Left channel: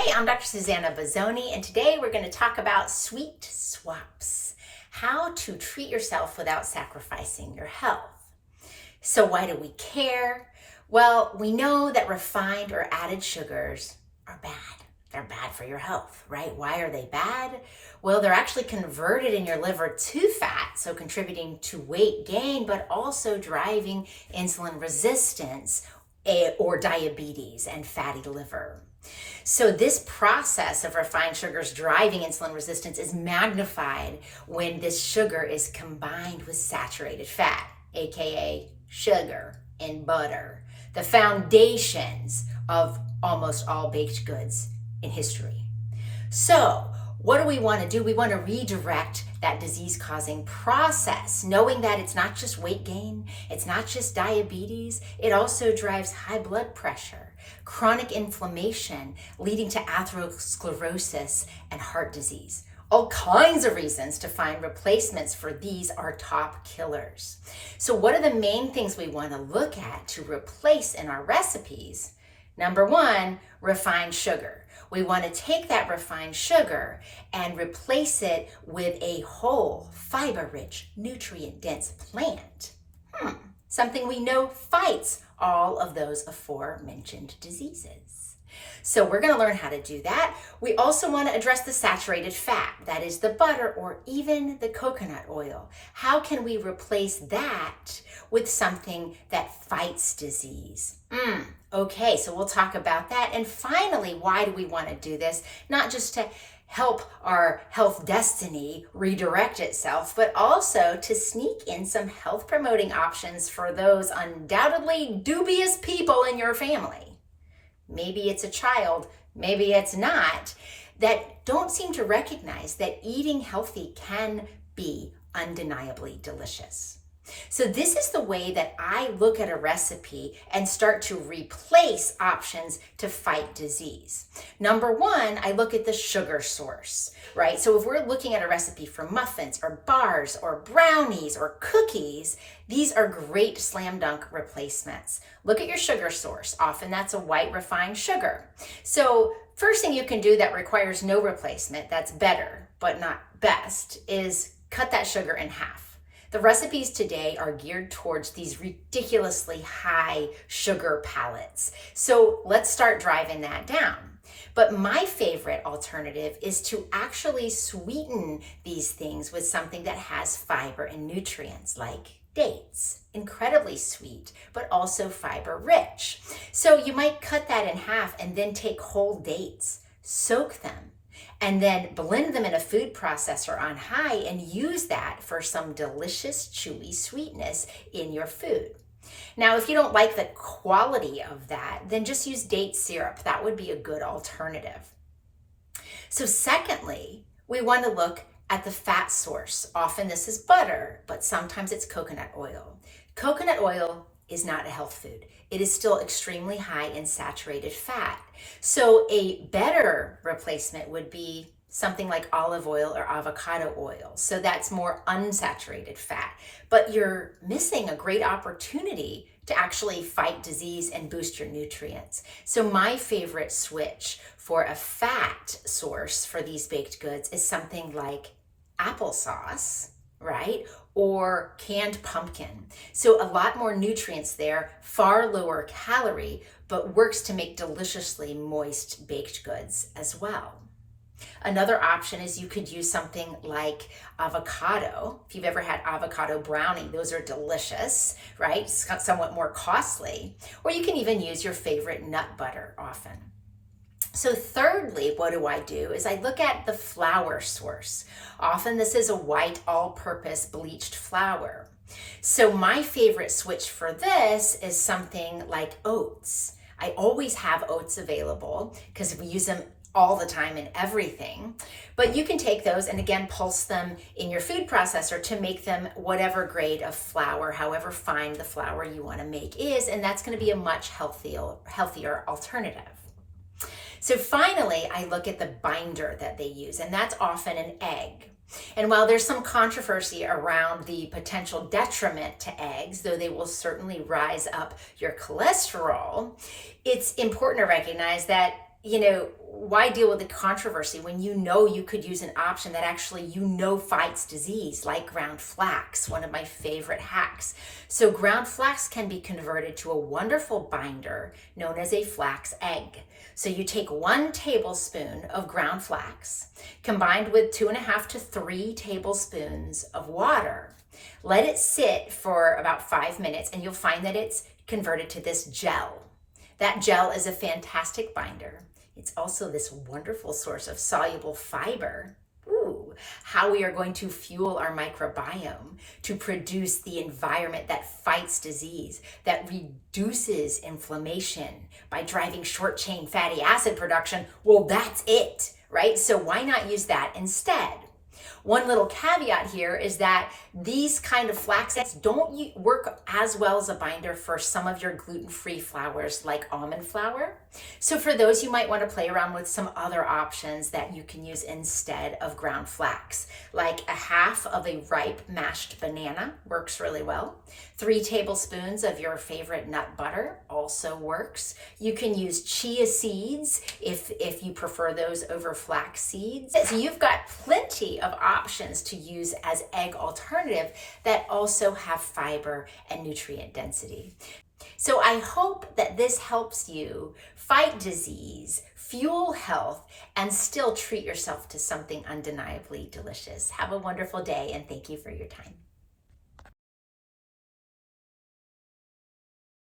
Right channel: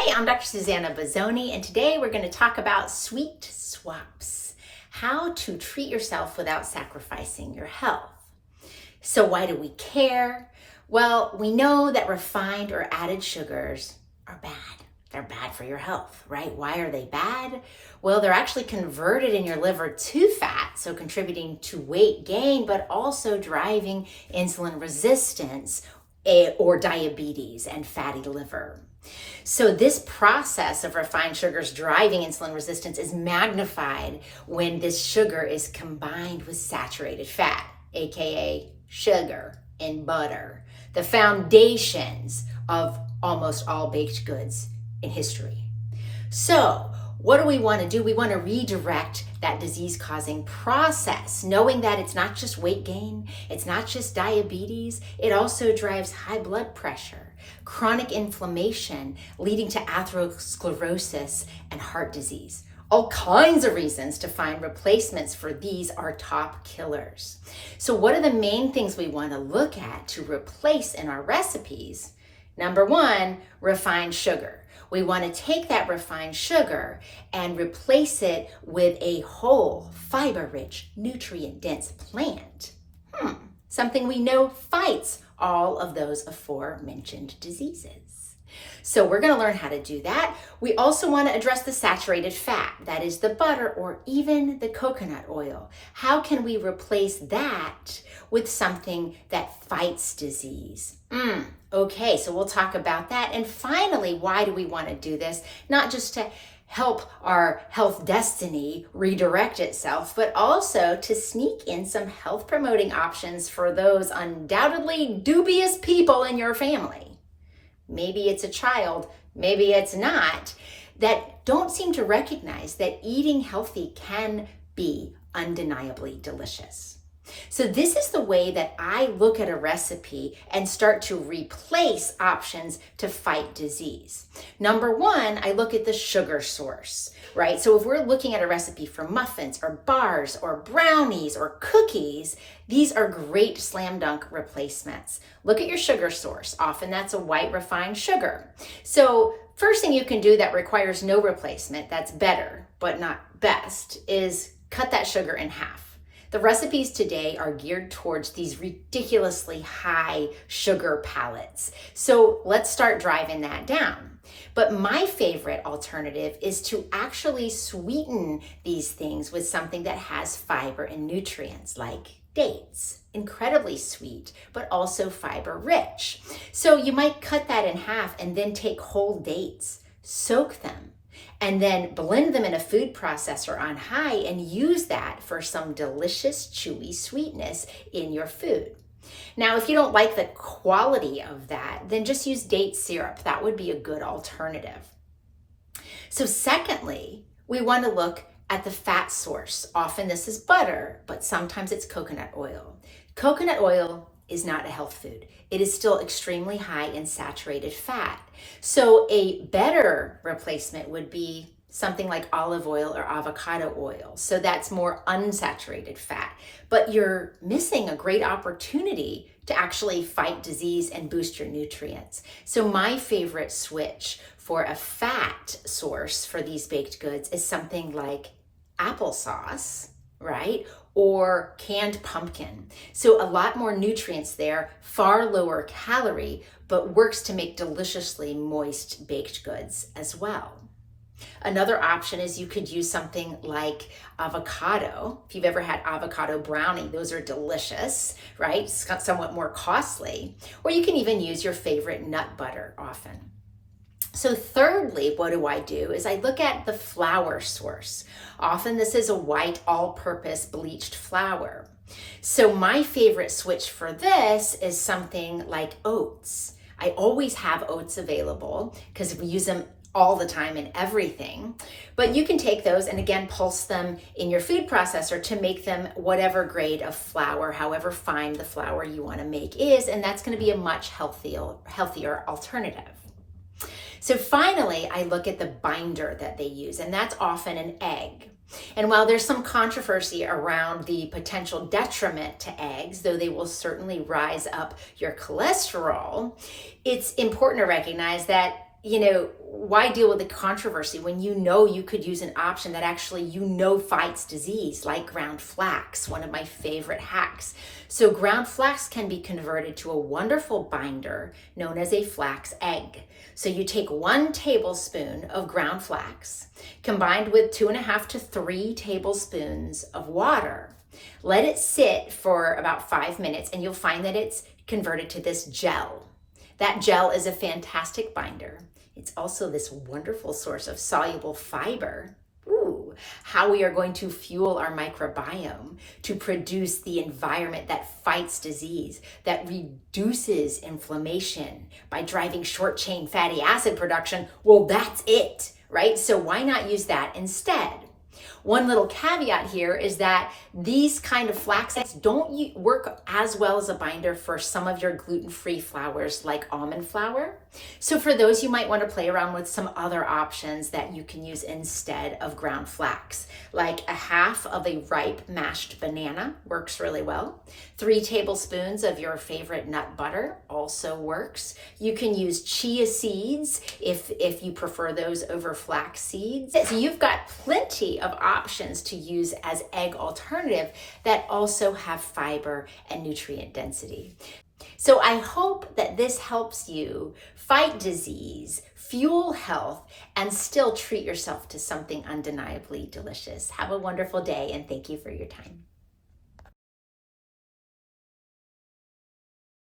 Hey, I'm Dr. Susanna Bozzoni, and today we're going to talk about sweet swaps, how to treat yourself without sacrificing your health. So why do we care? Well, we know that refined or added sugars are bad. They're bad for your health, right? Why are they bad? Well, they're actually converted in your liver to fat, so contributing to weight gain, but also driving insulin resistance or diabetes and fatty liver. So this process of refined sugars driving insulin resistance is magnified when this sugar is combined with saturated fat, aka sugar and butter, the foundations of almost all baked goods in history. So what do we want to do? We want to redirect that disease-causing process, knowing that it's not just weight gain, it's not just diabetes, it also drives high blood pressure, chronic inflammation leading to atherosclerosis and heart disease. All kinds of reasons to find replacements for these are top killers. So what are the main things we want to look at to replace in our recipes? Number one, refined sugar. We want to take that refined sugar and replace it with a whole, fiber-rich, nutrient-dense plant. Something we know fights all of those aforementioned diseases. So we're going to learn how to do that. We also want to address the saturated fat, that is the butter or even the coconut oil. How can we replace that with something that fights disease? Okay, so we'll talk about that. And finally, why do we want to do this? Not just to help our health destiny redirect itself, but also to sneak in some health promoting options for those undoubtedly dubious people in your family. Maybe it's a child, maybe it's not, that don't seem to recognize that eating healthy can be undeniably delicious. So this is the way that I look at a recipe and start to replace options to fight disease. Number one, I look at the sugar source, right? So if we're looking at a recipe for muffins or bars or brownies or cookies, these are great slam dunk replacements. Look at your sugar source. Often that's a white refined sugar. So first thing you can do that requires no replacement, that's better but not best, is cut that sugar in half. The recipes today are geared towards these ridiculously high sugar palettes. So let's start driving that down. But my favorite alternative is to actually sweeten these things with something that has fiber and nutrients like dates. Incredibly sweet, but also fiber rich. So you might cut that in half and then take whole dates, soak them, and then blend them in a food processor on high and use that for some delicious, chewy sweetness in your food. Now, if you don't like the quality of that, then just use date syrup. That would be a good alternative. So secondly, we want to look at the fat source. Often this is butter, but sometimes it's coconut oil. Coconut oil is not a health food. It is still extremely high in saturated fat. So a better replacement would be something like olive oil or avocado oil. So that's more unsaturated fat. But you're missing a great opportunity to actually fight disease and boost your nutrients. So my favorite switch for a fat source for these baked goods is something like applesauce, right? Or canned pumpkin. So a lot more nutrients there, far lower calorie, but works to make deliciously moist baked goods as well. Another option is you could use something like avocado. If you've ever had avocado brownie, those are delicious, right? Somewhat more costly. Or you can even use your favorite nut butter often. So thirdly, what do I do is I look at the flour source. Often this is a white all-purpose bleached flour. So my favorite switch for this is something like oats. I always have oats available because we use them all the time in everything. But you can take those and again pulse them in your food processor to make them whatever grade of flour, however fine the flour you want to make is, and that's going to be a much healthier alternative. So finally, I look at the binder that they use, and that's often an egg. And while there's some controversy around the potential detriment to eggs, though they will certainly rise up your cholesterol, it's important to recognize that why deal with the controversy when you could use an option that actually fights disease, like ground flax, one of my favorite hacks. So ground flax can be converted to a wonderful binder known as a flax egg. So you take 1 tablespoon of ground flax combined with 2.5 to 3 tablespoons of water. Let it sit for about 5 minutes and you'll find that it's converted to this gel. That gel is a fantastic binder. It's also this wonderful source of soluble fiber. Ooh, how we are going to fuel our microbiome to produce the environment that fights disease, that reduces inflammation by driving short chain fatty acid production. Well, that's it, right? So why not use that instead? One little caveat here is that these kind of flaxes don't work as well as a binder for some of your gluten-free flours like almond flour. So for those, you might want to play around with some other options that you can use instead of ground flax, like 1/2 of a ripe mashed banana works really well. 3 tablespoons of your favorite nut butter also works. You can use chia seeds if you prefer those over flax seeds. So you've got plenty of options to use as egg alternative that also have fiber and nutrient density. So I hope that this helps you fight disease, fuel health, and still treat yourself to something undeniably delicious. Have a wonderful day, and thank you for your time.